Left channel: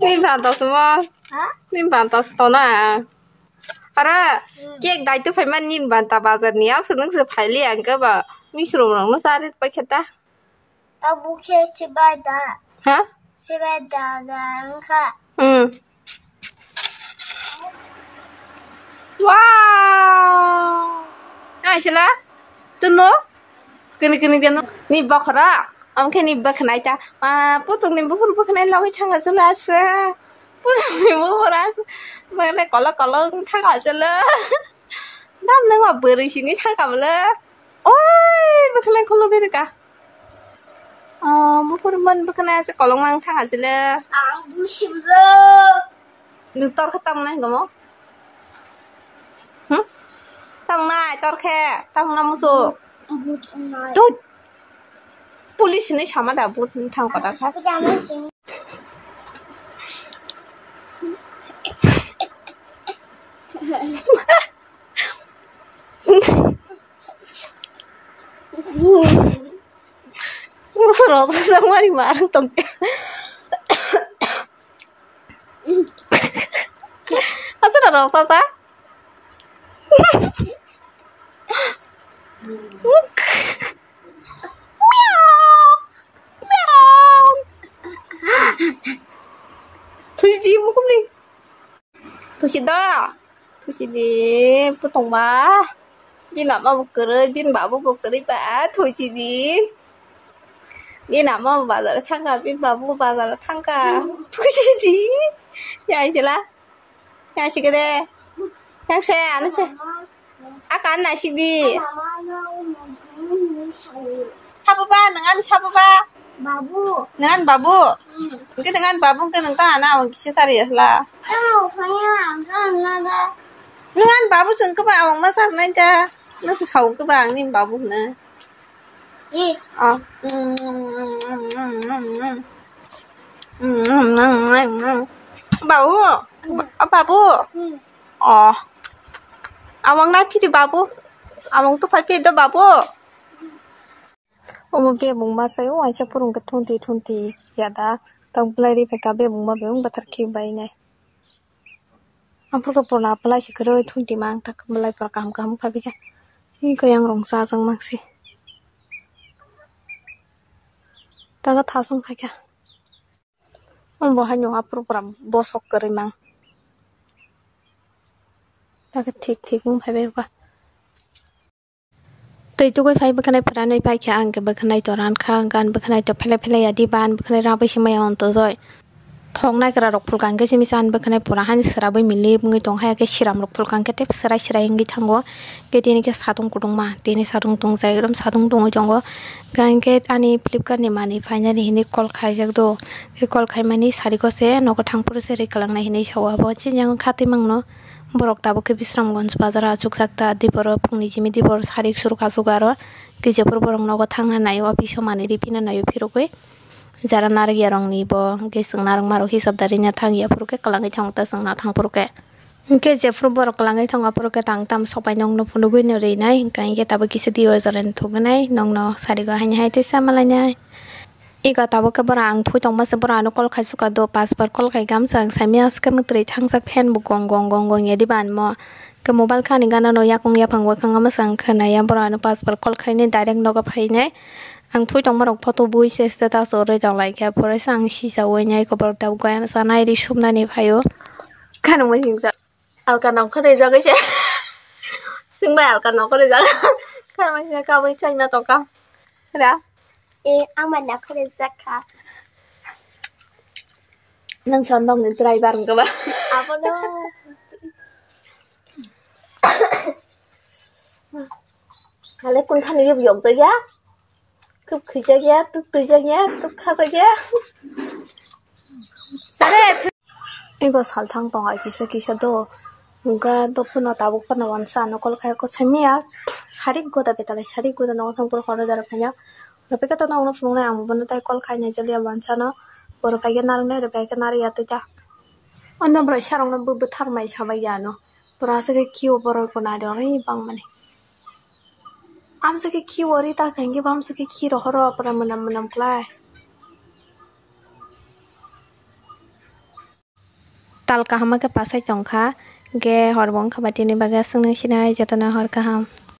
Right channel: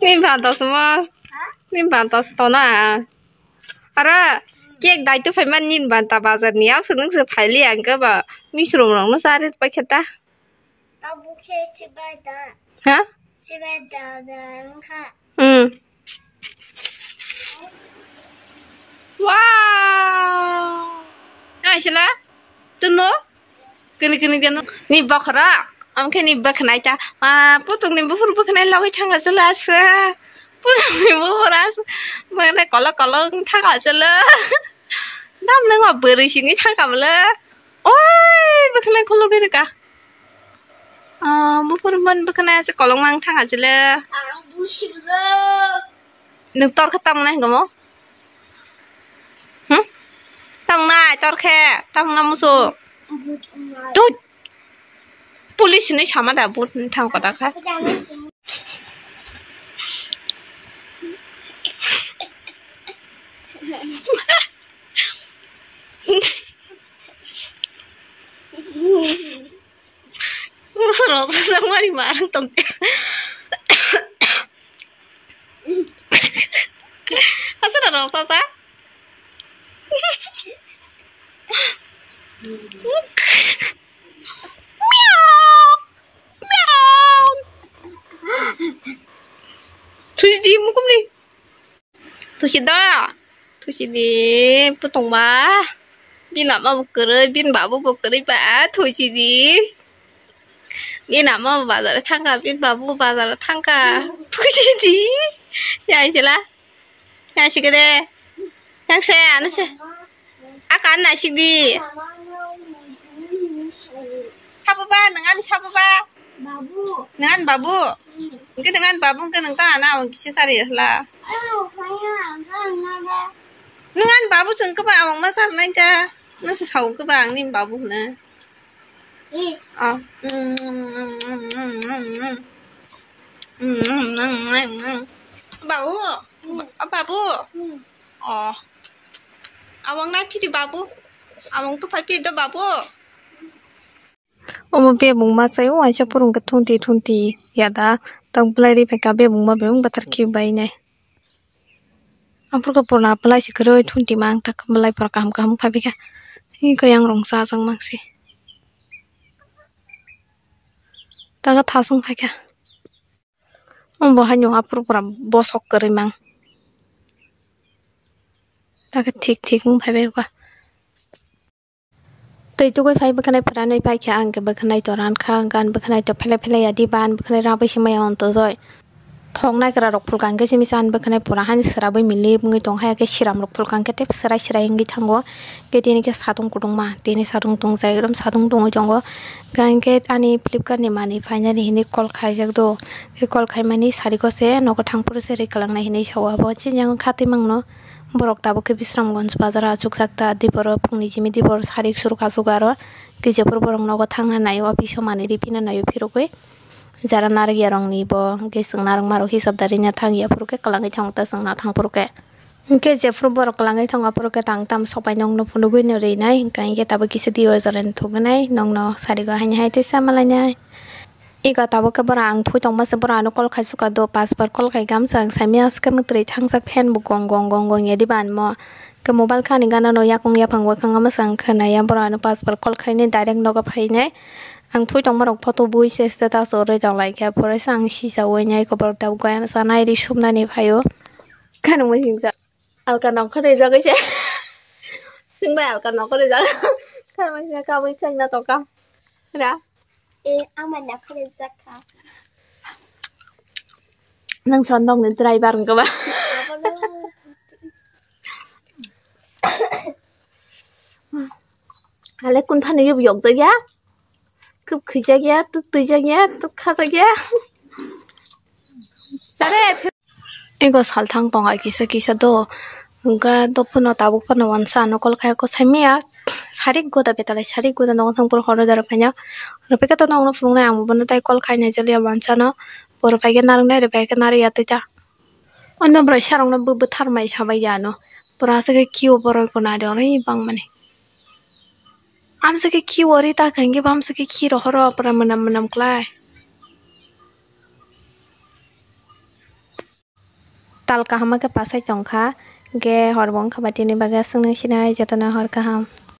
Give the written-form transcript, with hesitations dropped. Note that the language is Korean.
님 받았어. 님 받았어 나. 알아. 걔 나이도 팔만 님 받다 바자니야. 서는 그 팔리 안 가봐. 미스러운 거 사를 빠겠다. 아부 케이스바다. 하? 시바다다 가. 응. 와. 아시라? 뜬노? 그니 되노. 니 바카라. 암케니 바카나이다. 아, 보통 님 부르 바카나이 라고 창가슬라스. 보통 님 부르라스. 뭐래 걸럭 타가슬라. 남는 거 버리시니 타가블라. 오이, 바카나이 콜로베르가. 부르면 바카나이 걸럭망 타가슬라. 안 부시블. 능 떨카 땅나 이거 응? 땅나 떨카 땅나 무소 또 폴리스는 샤마다 못 타고 가다가 무서워서 상관이 많은 똥개 하스라로 없어서 투시디 무금리 투시디 부통바 빈 아마 먹그러 빈 바보 먹그리 바 투시디 빈 아마 바자라 탕가 빈 바보 바자라 탕가 투시디 야 이제라 야 시그래 양세 안 하세 아까 안 나시디 사부바 능안 사부바 바보. 능안 바부 이게 능안 바부 그 능가 안 하고 기사리였라 능안 바부 좀 그봐 엄마 삼나자 너서 사오 그봐 님 바부네 예. 바부 바부 awang na phi babu awang to phai do babu omo be mungma sayo wa sha purung ka thunti yada tang plari phe ka be mungma be mung batar ki bai nai ampur ka porna plai sikroi thunti mang tak malai par kam phai bi ka hi ko yang rong sa sang mang si ta ka thasung phai ka om bo hanyo apur pura bosok kare mang ताकि ठीक मुँह भाई बेगा तो कोई भाई बखनाई फराने भाई क्या अंग बखनाई तो रान खा गान बखनाई तो फैले यादी बान बखनाई राबे सिमाय ऑन तो जोय थोंगना करा रok फुल कांगे सिमिसान बखनाई पुरा हानि सराबै मिले मुंगै दं हाया के सिराम रok फुल कांगे टेप सराय इंगि थांगो के देनि के सादुं कुदुं मा देनि सादुं दं जायग्रम सादुं दं जंगो गांगे आनि फ्लिपकार्ट नि मानि फाइनालि हिनि कल खाइजक दो के कल खाइमानि सारिको से नगो थांपुर से रे कलांना हिनि सावाबो चिनजों खाति मंगनो borok tabo ke bisramgonj bazar achuk sakta dibor phungni jimi dibor sarik sur kasugaro gejepur borok nogo thangna nayo office mani ripina nayo phirogoi jara nargi arongni bo gesung narang maro hisabdari na thangya puruke kalangai thangta sangna thangpuruke gejepur borok kalangai thanga puruke tangtam sopai nongno phunugoi no reinai kainge tabo kise dior jaren thugnai nongno sarigo haini haite samalanya Iga tabo ke barang phu tong mas barano kol khai suka do pas par kol khai gam sang samia ske mutri thang sak phen bu gong ye di ban mo ke mobile khani gana no ya kong ya phangwa khanga ma sang khana ya barano pas par kol khai ne direct no ga phai ne ang thui tong marok photo bui se status ore dong lai ke pore sang si sa we nyai ko bar taw ga na sanai ri sumna ni phayo khana mo hing ja al ka nong khare ja ga che sing ba al ka nong khare ja khana ma ja ka wi chai ma to ka da Aman nak kena zakat. Nang sondong dan try bareng ka ba? Apa lo? Hale kun than yub yok ta ya. Kup khija ya, tu ja ya, tu kha ta ya. Sare. Ego sal thang tong ai kisa do. Unga do puno tabuk pano wansa no kol kaya ko samia. Sarik goda betale sarik goda nong thang pur horo dara panya. Repeka to nong no flung na ang bana tai kol khai na jali wansa no. Por pake narung na repeka nari ya ta. Onda bra sharong na bu thar mai sabai ya no. Por asa ke kiu por ko na de ori bang mane. Am sa ke kiu ori ta khange bam sa ke ki ro horo por manam klai. tal kaham ke pasai tongkha ge horbong khabati ni baga sung nang sinai jotona hor kaham.